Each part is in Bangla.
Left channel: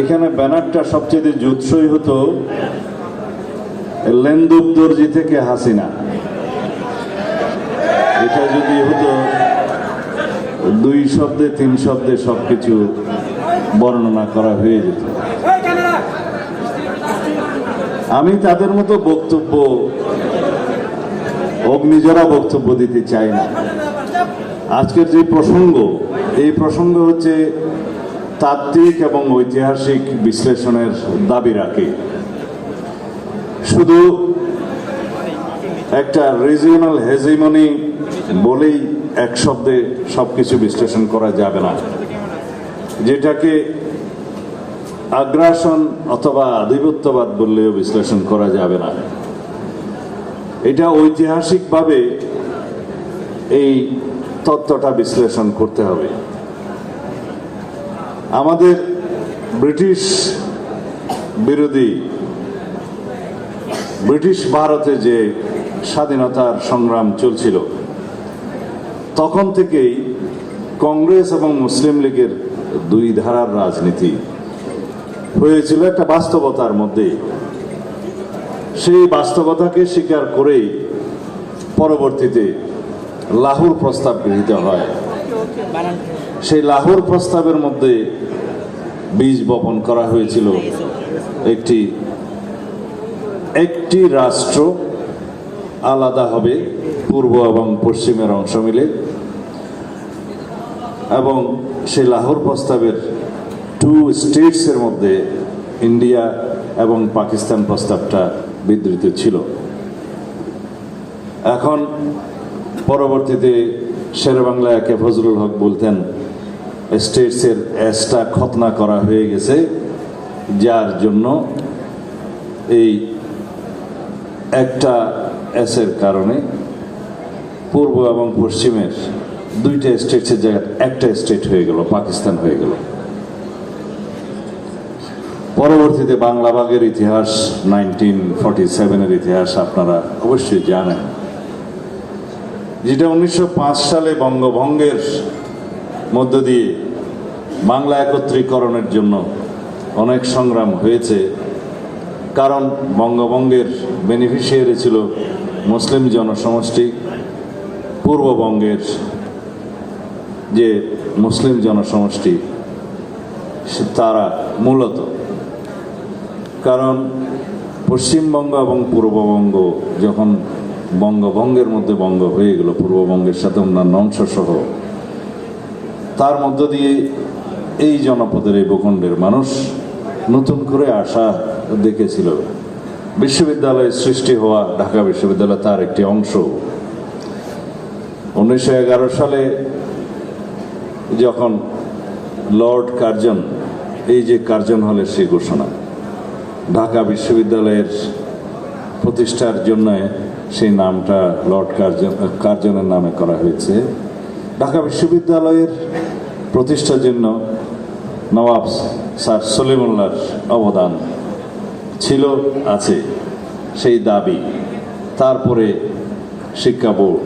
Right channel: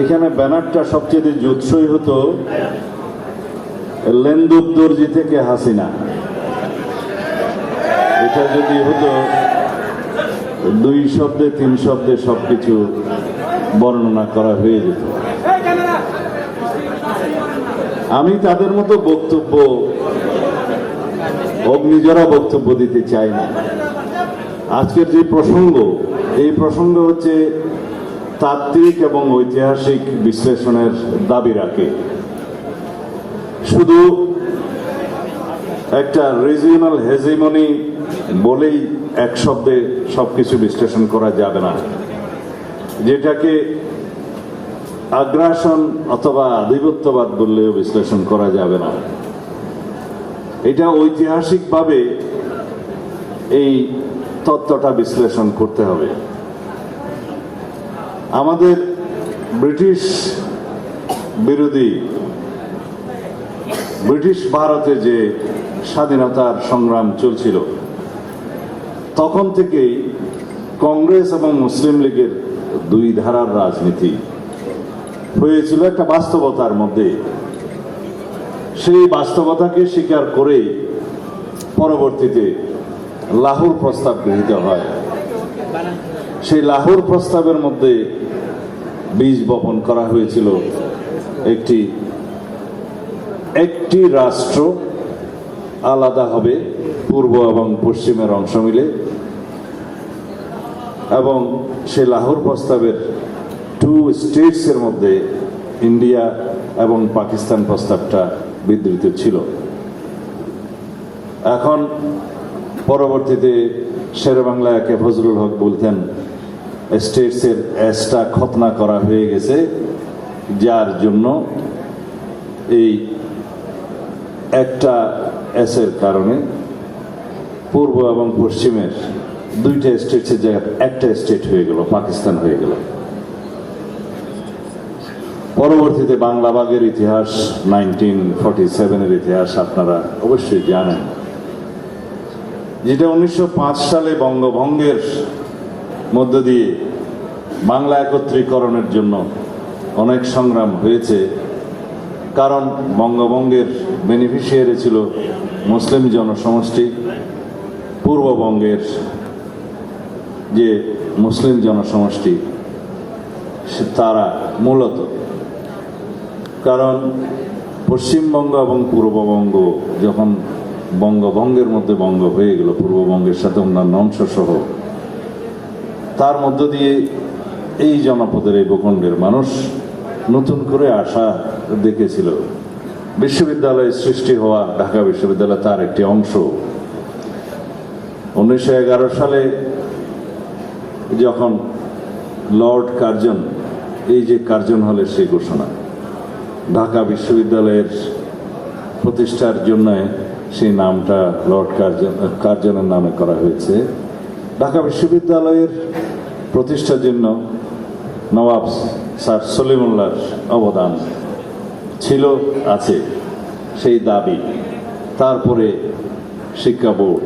এখানে ব্যানারটা সবচেয়ে জুৎসই হতো লেন্দুক দর্জি থেকে হাসিনা। এটা যদি হতো, দুই শব্দে, তিন শব্দে সবকিছু বর্ণনা করা হয়ে যেত। আমি তাদের মতো বক্তব্য, অগ্নিজরা বক্তব্য দিতে চাই না। আজকের যে প্রসঙ্গ, এই প্রসঙ্গ হচ্ছে তাত্ত্বিক এবং ঐতিহাসিক বিশ্লেষণের দাবি রাখে। শুধু একটা রিজিওনাল হেজিমনি বলেই এক শব্দে সবকিছু বিশ্লেষণ করা যাবে না। যেটাকে আগ্রাসন অথবা আধিপত্যবাদ বললেও বিশ্লেষণ করা যাবে না। এটা ঐতিহাসিকভাবে এই তত্ত্বটা বিশ্লেষণ করতে হবে। আমাদের ব্রিটিশ বিরোধী, ব্রিটিশ ভারতে যে স্বাধীনতার সংগ্রাম চলছিল, তখন থেকেই কংগ্রেস এবং মুসলিম লীগের দুই ধারার রাজনীতি হয়েছিল একটা বাস্তবতার মধ্যে। সেই বাস্তবতাকে স্বীকার করে পরবর্তীতে লাহোর প্রস্তাব গৃহীত হয়। সেই লাহোর প্রস্তাবের মধ্যে বীজ বপন করা হয়েছিল। একটি একটি রাষ্ট্র আলাদা হবে পূর্ব এবং পশ্চিমের অংশ মিলে। এবং সে লাহোর প্রস্তাবের টু স্টেটসের মধ্যে ইন্ডিয়া এবং পাকিস্তান প্রস্তাবটা বিধৃত ছিল। এখন পরবর্তীতে শেরবাংলা একে ফজলুল হক বলতেন স্টেটসের অ্যাসটা খতনা করা হয়ে গেছে, যার জন্য এই একটা অ্যাসের কারণে পূর্ব এবং পশ্চিমের দুইটা স্টেটসের জায়গায় একটা স্টেট হয়ে গেল, পাকিস্তান হয়ে গেল। পরবর্তীতে বাংলা বাগের ইতিহাস নাইনটিন ফর্টি সেভেনের ইতিহাস আপনারা অবশ্যই জানেন। যেটা উনিশশো পাঁচ সালে বঙ্গভঙ্গের মধ্য দিয়ে বাংলা একত্রীকরণের জন্য অনেক সংগ্রাম হয়েছে। কারণ বঙ্গভঙ্গের বেনিফিশিয়ারি ছিল মুসলিম জনসমষ্টি, পূর্ববঙ্গের যে মুসলিম জনসমষ্টি, তারা মূলত। কারণ পশ্চিমবঙ্গ এবং পূর্ববঙ্গ যখন বঙ্গভঙ্গের মধ্যে বঙ্গ হয়ে গেল, পূর্ববঙ্গের সাথে অন্যান্য অংশ সহ তার মধ্য দিয়ে এই জনপদের এই ভূখণ্ডের মানুষ নতুন করে আশা দেখেছিল। বিশ্ববিদ্যালয় সৃষ্টি হওয়া ঢাকা বিশ্ববিদ্যালয় তার একটি অংশ। উনিশশো এগারো সালে যখন লর্ড কার্জন, এই যে কার্জন হলের সেই ঘোষণা, ঢাকা বিশ্ববিদ্যালয়ের প্রতিষ্ঠার জন্য সেই নামটা লর্ড কার্জন, কার্জনের নামে করা হয়েছে। ঢাকা বিশ্ববিদ্যালয়ের প্রতিষ্ঠার জন্য নবাব স্যার সলিমুল্লাহর অবদান ছিল, আছে, সেই দাবি। তারপরে শিক্ষা বোর্ড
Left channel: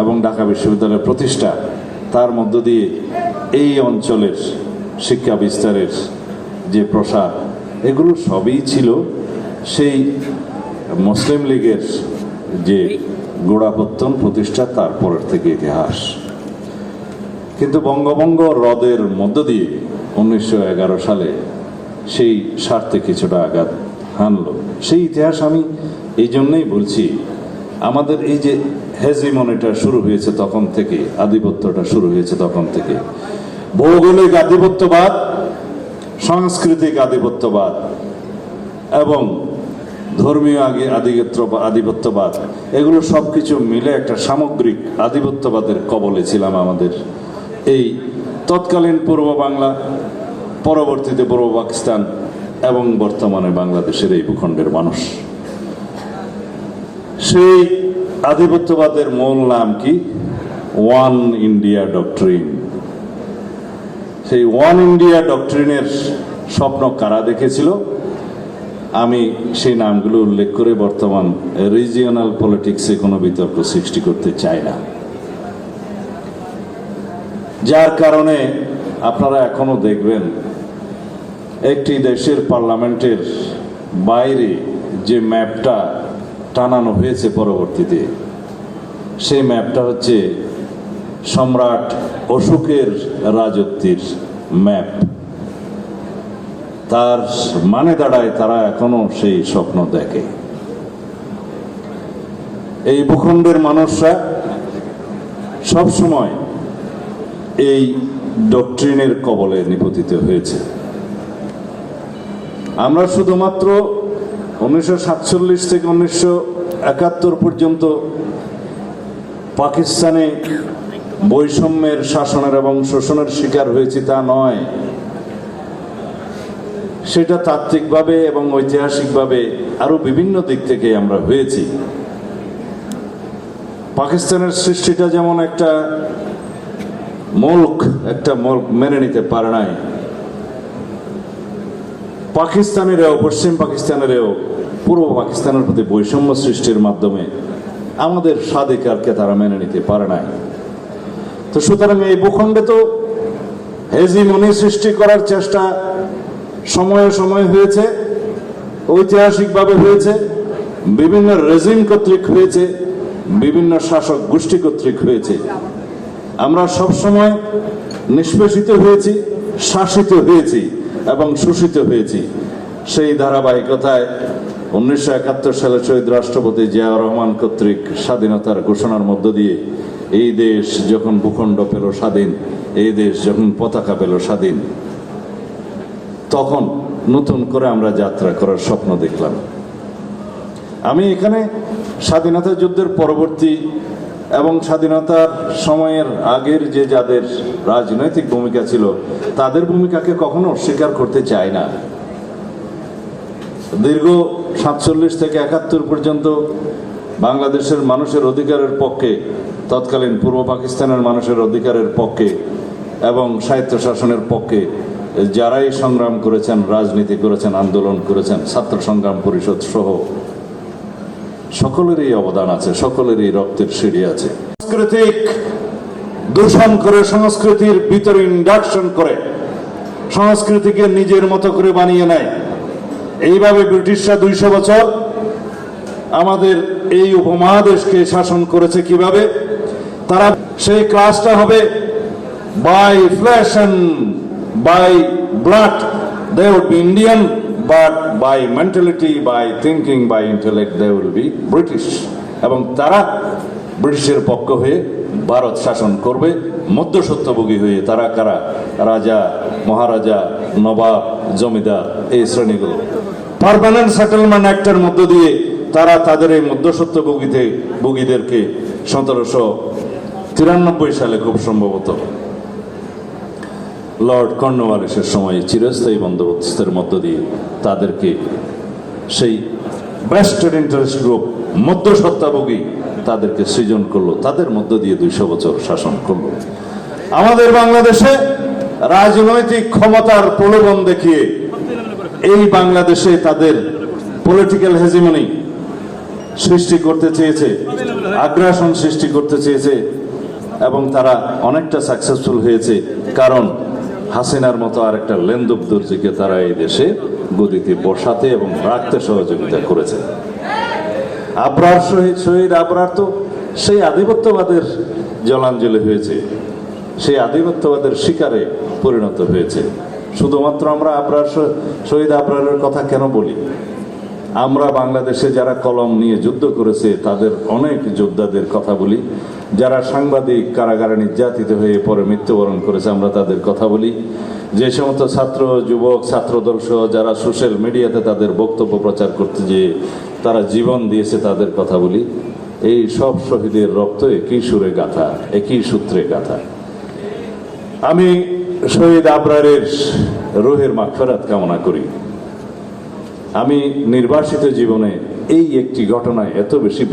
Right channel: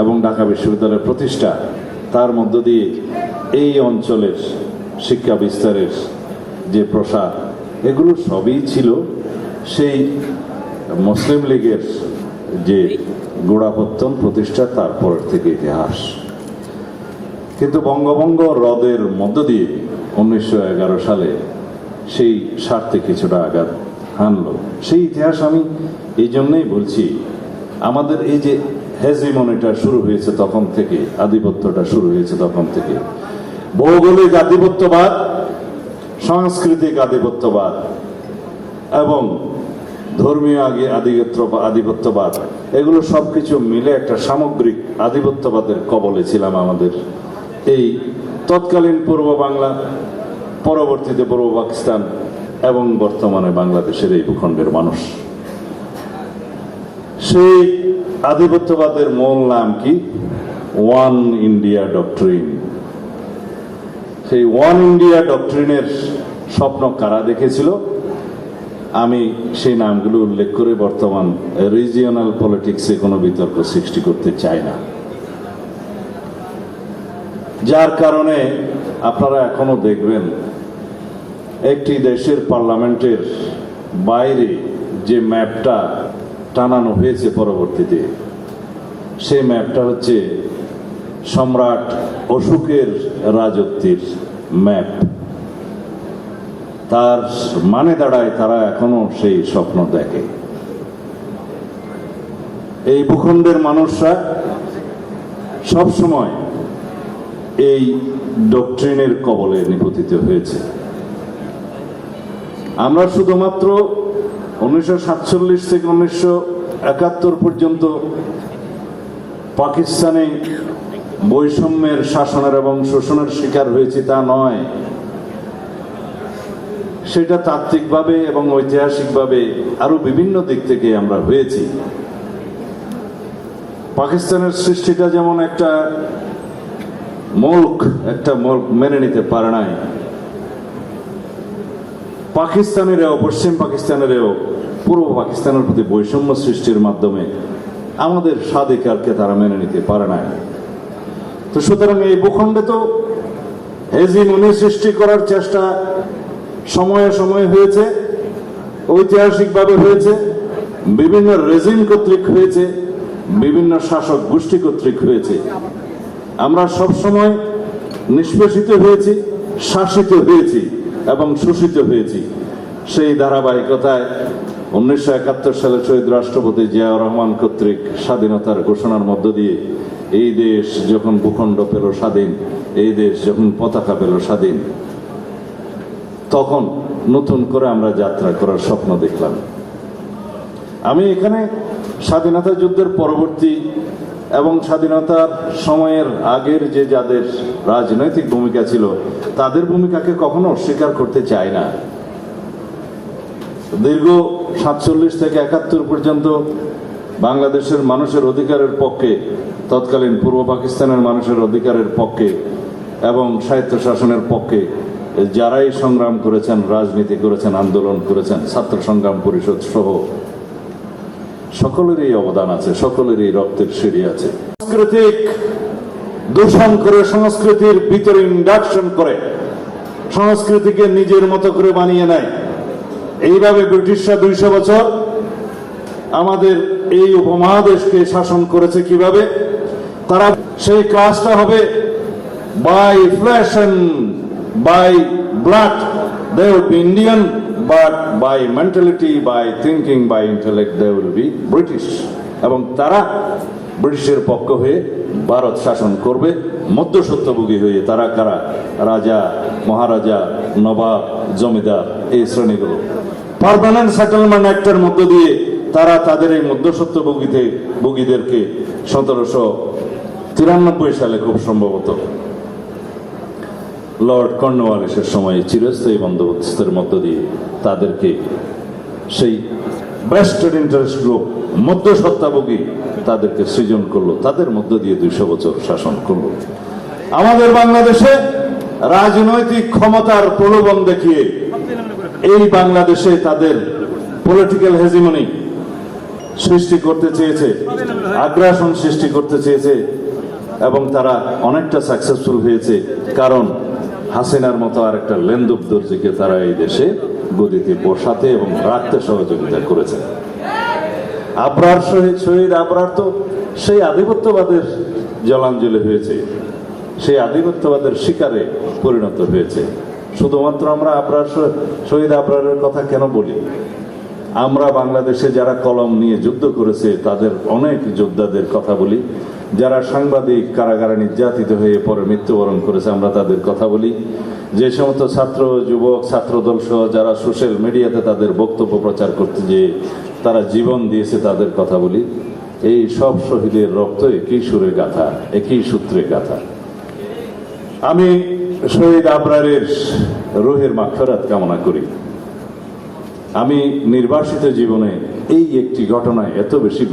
এবং ঢাকা বিশ্ববিদ্যালয়ের প্রতিষ্ঠা, তার মধ্য দিয়ে এই অঞ্চলের শিক্ষা বিস্তারের যে প্রসার, এগুলো সবই ছিল সেই মুসলিম লীগের যে গোড়াপত্তন প্রতিষ্ঠা তারপরের থেকে ইতিহাস। কিন্তু বঙ্গভঙ্গ হ্রদের মধ্য দিয়ে উনিশশো এগারো সালে সেই স্বার্থে কিছুটা আঘাত হানলো। সেই ইতিহাস আমি এই জন্যই বলছি, আমাদের এই যে হেজিমনিটা শুরু হয়েছে তখন থেকে, আধিপত্যটা শুরু হয়েছে তখন থেকে, ভৌগোলিক আধিপত্যবাদ, সাংস্কৃতিক আধিপত্যবাদ, এবং ধর্মীয় আগে আধিপত্য আধিপত্যবাদ, এগুলো সবকিছু মিলে একটা সামগ্রিক আধিপত্যবাদের কবলে ছিলাম আমাদের। এই তৎকালীন পূর্ব বাংলা, পরবর্তীতে পূর্ব পাকিস্তান এবং বর্তমানে বাংলাদেশের এই ভূখণ্ডের মানুষ। সেই আধিপত্যবাদের মূল নাম কি? One India doctrine. সেই ওয়ান ইন্ডিয়া ডক্ট্রিনের স্বপ্ন কারা দেখেছিল? আমি সেই নামগুলো উল্লেখ করে বর্তমান রিজিওনাল পলিটিক্সে কোনো বিতর্ক সৃষ্টি করতে চাই না। যার কারণে আপনারা এখনও দেখবেন একটি দেশের পার্লামেন্টের বাইরে যে ম্যাপটা টানানো হয়েছে পরবর্তীতে, সেই ম্যাপটা হচ্ছে সম্রাট অশোকের রাজত্বের ম্যাপ। তার মানে দাঁড়ায় তারা এখনও সেই স্বপ্ন দেখে। এই ভূখণ্ডের মানুষরা সব সময় এই ডক্ট্রিনের কবলে নিপতিত হয়েছে। আমরা শুধুমাত্র উনিশশো সাতচল্লিশ থেকে উনিশশো একাত্তর পর্যন্ত পাকিস্তানে বৈষম্যের শাসনের এবং শোষণের শিকার হয়েছি তা নয়। সেটা তাত্ত্বিকভাবে এবং ঐতিহাসিকভাবে আরও বিভিন্ন দিক থেকে আমরা হয়েছি। পাকিস্তানের সৃষ্টিটা যেমন একটা মুল্ক একটা মুল্ক মেনে নিতে পারে নাই। পাকিস্তানেরও, পশ্চিম পাকিস্তানেরও, পূর্ব পাকিস্তানের প্রতি বৈষম্য সৃষ্টির মাধ্যমে আমাদের স্বাধিকারকে তারা মেনে নিতে পারে নাই। তো সুতরাং এই ভূখণ্ডে তো হেজি হেজিমনি সৃষ্টি করার চেষ্টা সময়ে সময়ে হয়েছে, ঐতিহাসিকভাবে হয়েছে, বিভিন্ন রেজিম কর্তৃক হয়েছে, বিভিন্ন শাসক গোষ্ঠী কর্তৃক হয়েছে। আমরা সবসময় নিষ্পেষিত হয়েছি, শাসিত হয়েছি এবং শোষিত হয়েছি। সেই ধারাবাহিকতায় উনিশশো একাত্তর সালে শহীদ রাষ্ট্রপতি জিয়াউর রহমান কর্তৃক স্বাধীনতার ঘোষণার মধ্য দিয়ে এই দেশ যখন ভূখণ্ড পেল স্বাধীন, এই দেশ যখন পতাকা পেল স্বাধীন তখন নতুন করে আমরা যাত্রা করার স্বপ্ন দেখলাম। আমি এখানে স্বাধীনতা যুদ্ধের পরবর্তী এবং স্বাধীনতার সময়ের আগের যে যাদের রাজনৈতিক ভূমিকা ছিল, তাদের ভূমিকাকে কখনো অস্বীকার করতে চাই না। দীর্ঘ সাতচল্লিশ থেকে একাত্তর পর্যন্ত বাংলাদেশের মানুষের অধিকারের পক্ষে, তৎকালীন পূর্ব পাকিস্তানের মানুষের অধিকারের পক্ষে এবং সাহিত্য শাসনের পক্ষে যারাই সংগ্রাম করেছেন, রাজনীতি করেছেন, আন্দোলন করেছেন, ছাত্র সংগ্রাম পরিষদ সহ সকলেরই অবদান আছে, সকলেরই রক্তের সিঁড়ি আছে। সাংস্কৃতিক দূষণ করে, সংস্কৃতির ভিতরে ইন্ডাকশন করে, সংস্কৃতিকে নিজের মতো করে বানিয়ে নেয়। এইভাবে ব্রিটিশরা দুইশো বছর আমাদের এই উপমহাদেশকে শাসন করেছে কীভাবে? তারা, সেই কাজটা হবে by flesh by blood they would be Indian but by mentality by thinking by intellect they will be British এবং তারা ব্রিটিশের পক্ষ হয়ে ভারত শাসন করবে, মধ্যসত্যভোগী হয়ে তারা কারা? রাজা, মহারাজা, নবাব, জমিদার, এই শ্রেণীগুলো। পার্মানেন্ট সেটেলমেন্ট অ্যাক্টের মধ্য দিয়ে তারা তাদের এই মধ্যসত্যভোগীতে, ভোগীদেরকে সতেরোশো তিরানব্বই সালে খুব সম্ভবত। লর্ড কর্নওয়ালিসের সময় চিরস্থায়ী বন্দোবস্তের মধ্য দিয়ে তাদেরকে সেই ব্রেস্টেড ইন্টারেস্ট গ্রুপ মধ্যসত্তাভোগী তাদেরকে সৃজন করল। তাদের মধ্য দিয়ে দুইশো বছর শাসন করল। আমাদের বাংলাদেশে রাজনৈতিক ক্ষমতার প্রলোভন দেখিয়ে এই বাংলাদেশে তাদের পলিটিক্যাল হেজিমনি সৃষ্টি করতে চেয়েছে, আগ্রাসন সৃষ্টি করতে চেয়েছে এবং তারা অনেকটা সাকসেসফুল হয়েছে। কারণ হাসিনার মতো আর একটা লেন্দুক দর্জিকে তারা এই দেশে গদিতে বসাতে এবং রাখতে সহযোগিতা করেছে। আবরার শহীদ শহীদ আবরার তো সেই আধিপত্যবাদের জলাঞ্জলি হয়েছে। সেই আধিপত্যবাদের শিকারে পরিণত হয়েছে। শুধুমাত্র আমরা আবরার শহীদ আবরারের কথা কেন বলি? আমরা বাংলাদেশে যারা কলম নিয়ে যুদ্ধ করেছে, তাদের অনেক যোদ্ধাদের কথা বলি। যারা সাংবাদিক কারাগারে নির্যাতিত হয়ে পরে মৃত্যুবরণ করেছে, আমরা তাদের কথা বলি। যে সমস্ত ছাত্র, যুবক, ছাত্রদল সহ যারা সোশ্যাল মিডিয়াতে তাদের বক্তব্য প্রচার করতে যে তারা জীবন দিয়েছে, তাদের কথা বলি। এই সব শহীদের রক্ত একই সুরে গাথা, একই সূত্রে গাথা। আমি শহীদ আবরারের রোহের মাগফেরাত কামনা করি। আমি নির্বাসিত জীবনে এই একটি ঘটনায় এত বেশি